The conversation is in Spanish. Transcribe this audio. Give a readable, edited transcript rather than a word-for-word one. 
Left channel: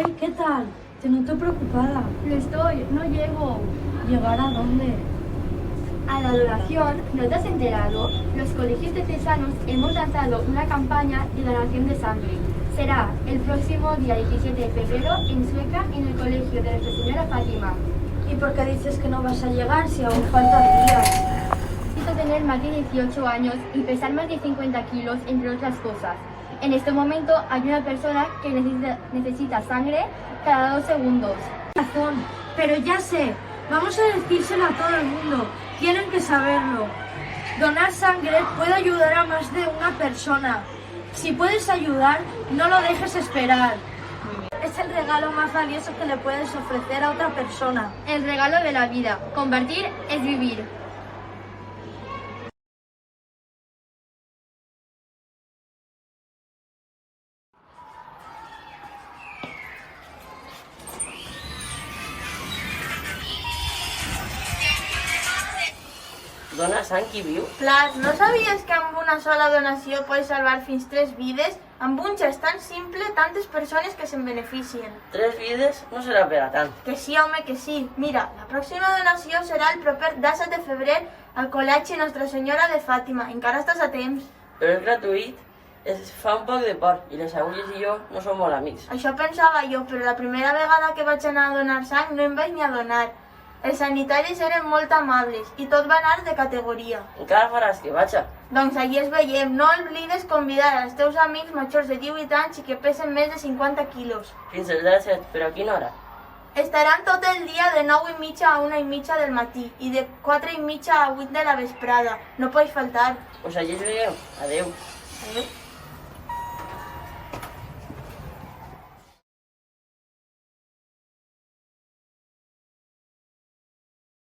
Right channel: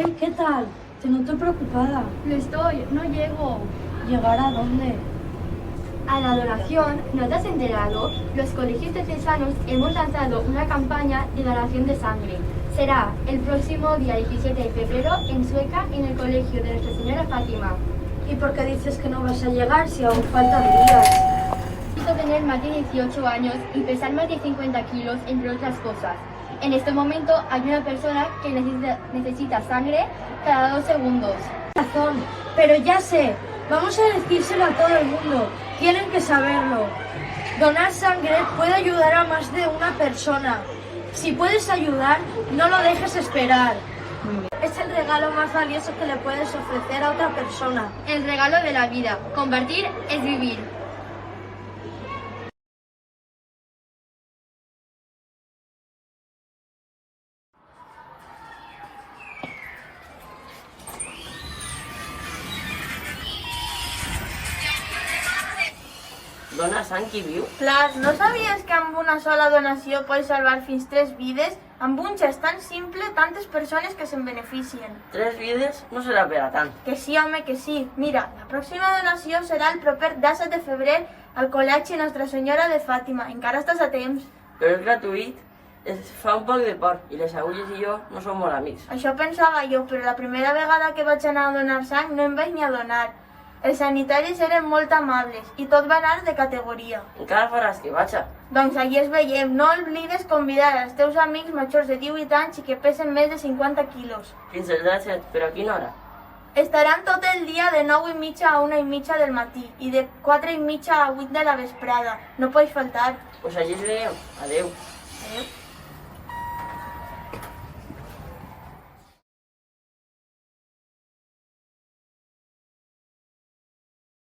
Hey, ¿qué tal? Te noto preocupada. Lo estoy, no llego. ¿Llegar a dónde? A la donación, ¿no te has enterado? Los colegios diocesanos hemos lanzado una campaña de donación de sangre. Será el próximo día 17 de febrero en Sueca, en el colegio de Nuestra Señora Fátima. ¿Y por qué dices que no vas a llegar si aún faltan días? Necesito tener más de 18 años y pesar más de 50 kilos, entre otras cosas. En este momento hay una persona que necesita sangre cada 2 segundos. Razón, pero ya sé. Vamos a decírselo a todo el mundo. Tienen que saberlo. Donar sangre puede ayudar a más de una persona. Si puedes ayudar, no lo dejes esperar. Es el regalo más valioso que le puedes ofrecer a otra persona. El regalo de la vida. Compartir es vivir. Dona sang qui viu? Clar, no sabies que amb una sola donació pots salvar fins 3 vides? Amb un gest tan simple, tantes persones que se'n beneficien. 3 vides no serà per a tant. Que sí, home, que sí. Mira, la pròxima donació serà el proper 17 de febrer al Col·legi Nostra Senyora de Fàtima. Encara estàs a temps. Però és gratuït. Es fa un poc de por i les agulles i jo no som molt amics. Això pensava jo, però la primera vegada que vaig anar a donar sang no em vaig ni adonar. Els sanitaris eren molt amables i tot va anar de categoria. Encara faràs que vaig. Doncs allí es veiem. No oblides convidar els teus amics majors de 18 anys i que pesen més de 50 quilos. Fins el 17, però a quina hora? Estaran tot el dia de 9:30 a 1:30 del matí i de 4:30 a 8 de la vesprada. No pots faltar. Pues allí es veiem. Adeu. Adéu.